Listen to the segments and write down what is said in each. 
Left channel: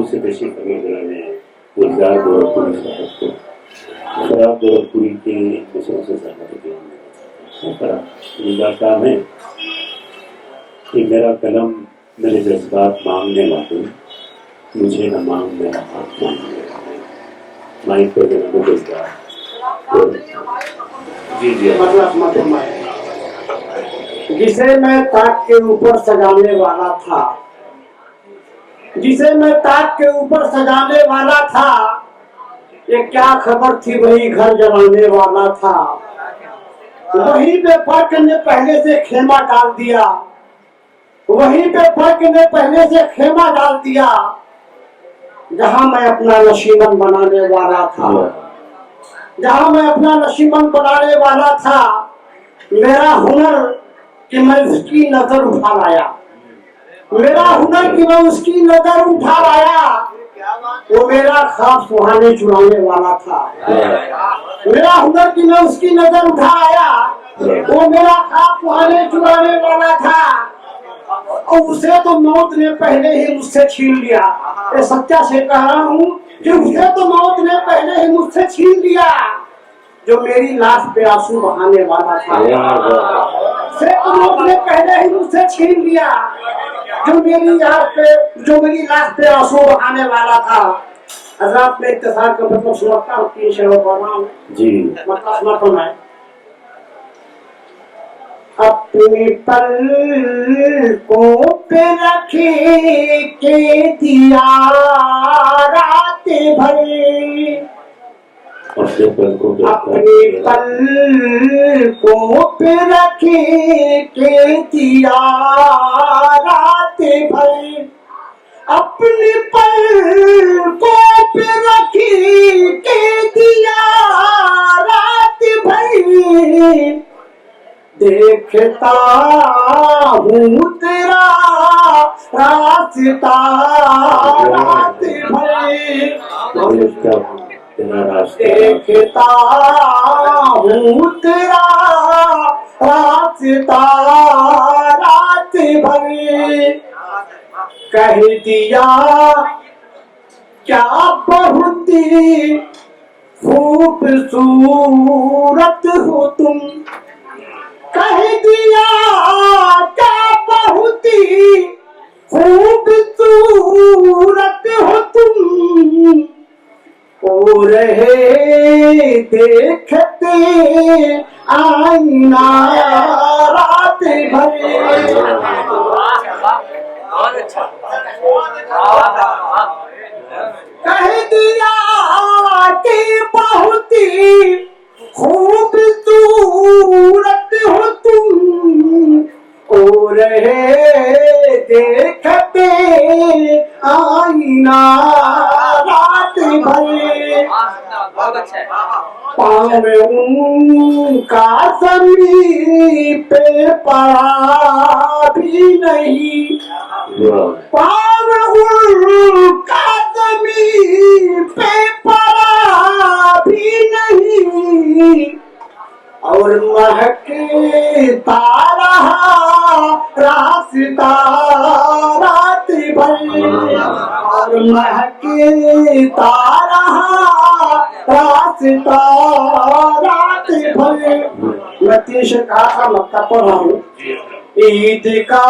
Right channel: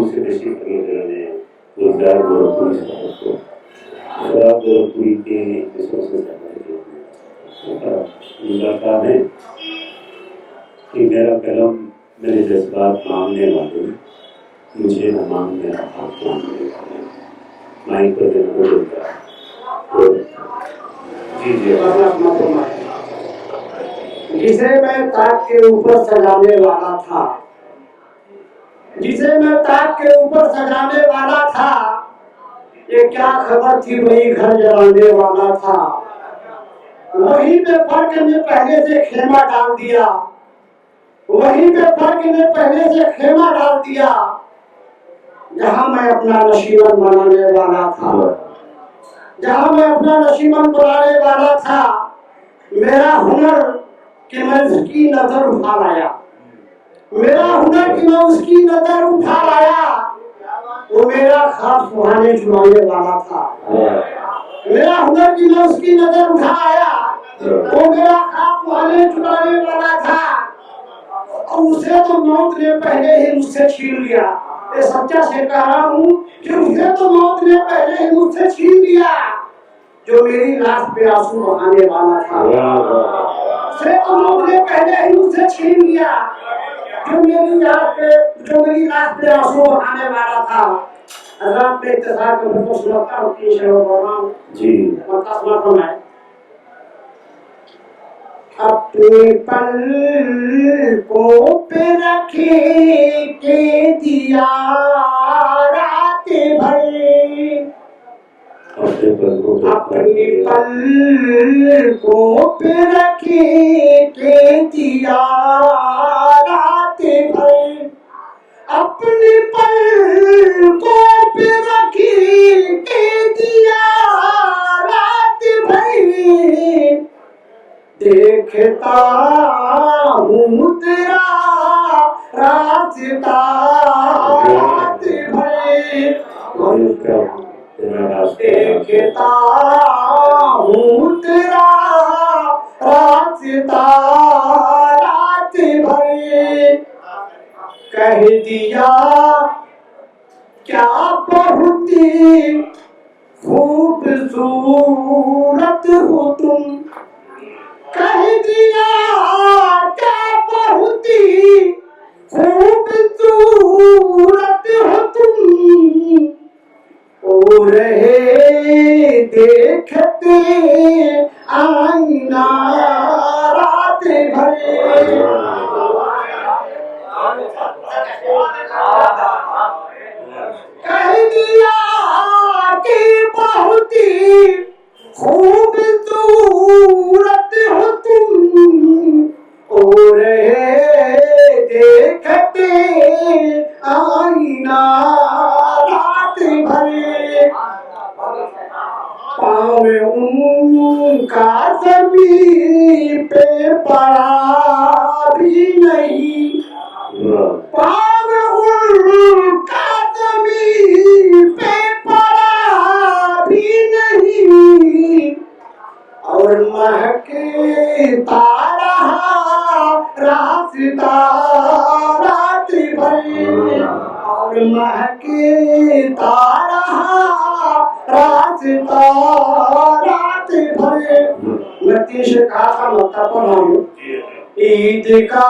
मुझसे तशरीफ फरमा ने गुलजार गोरखपुरी साहब को शराब गोरखपुरी के मिसरों से सहमत गुलजार साहब है कि मेरा कलम मेरे जज्बात मांगने वाले मुझे न मांग मेरा हाथ मांगने वाले माइक पर गुलजार जी जी जिसे मैं ताक के ऊपर सजाने वाला था, जिसे मैं ताक के ऊपर सजाने वाला था, ये क्या खबर थी वही घर जलाने वाला था। वहीं पे फर्क ने पहले से खेमा डाल दिया, वहीं पे फर्क ने पहले से खेमा डाल दिया, जहां मैं अपना नशीमन बनाने वाला था, जहां मैं अपना नशीमन बनाने वाला था। मेरा हुनर कि मैं उसकी नजर उठा लाया, मेरा हुनर कि मैं उसकी नजर उठा लाया। वो मेरा ख्वाब सुहाने चुराने वाला था, मेरा हुनर कि मैं उसकी नजर उठा आया। वो मेरा ख्वाब सुहाने चुराने वाला था, और उसे तो मौत ने पहले ही मुझसे छीन लिया। ये सच्चा से कह रहा हूँ कि उसे तो मौत ने पहले ही मुझसे छीन लिया। जो मेरी लाश पे आंसू बहाने वाला था, उसे तो मौत ने पहले ही मुझसे छीन लिया। जो मेरी लाश पे आंसू बहाने वाला था। हज़रात में इत्तेसार का मतलब समझता हूँ कि शहर जी मतलब है अपने पलकों पे रखे के दिया रात भर, अपने पलकों पे रखे के दिया रात भर, अपने पलकों पे रखे के दिया रात भर। देखता हूँ तेरा रास्ता रात भर, देखता हूँ तेरा रास्ता रात भर। कह दिया क्या बहुत खूबसूरत हो तुम, कह दिया क्या बहुत खूबसूरत हो तुम। ओ रहे देखते आईना रात भर। कह दिया कि बहुत खूबसूरत हो तुम, ओ रहे देखते आईना रात भर। पाँव उनका ज़मीन पे पड़ा भी नहीं, पाँव उनका ज़मीन पे पड़ा भी नहीं, और महकता रहा रास्ता रात भर, और महकता रहा रास्ता रात भर। मैं तीन कहा था मक्का पर हूँ। ईद का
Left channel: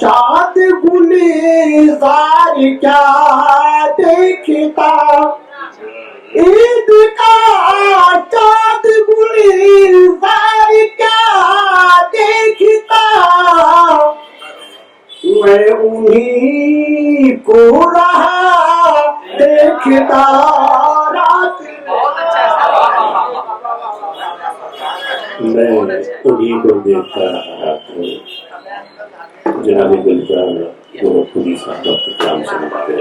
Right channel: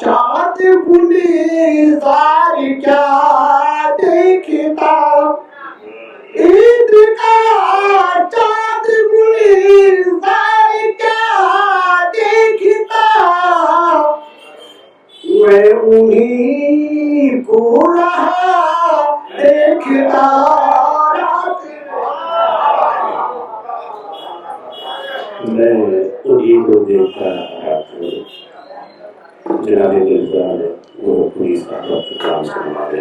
चाँद गुलजार क्या देखता, ईद का चाँद गुलजार क्या देखता। मैं उन्हीं को रहा देखता रात। मैं उन्हीं को देखता रहा जनाब गुलजार गोरखपुरी साहब नाम से हमारे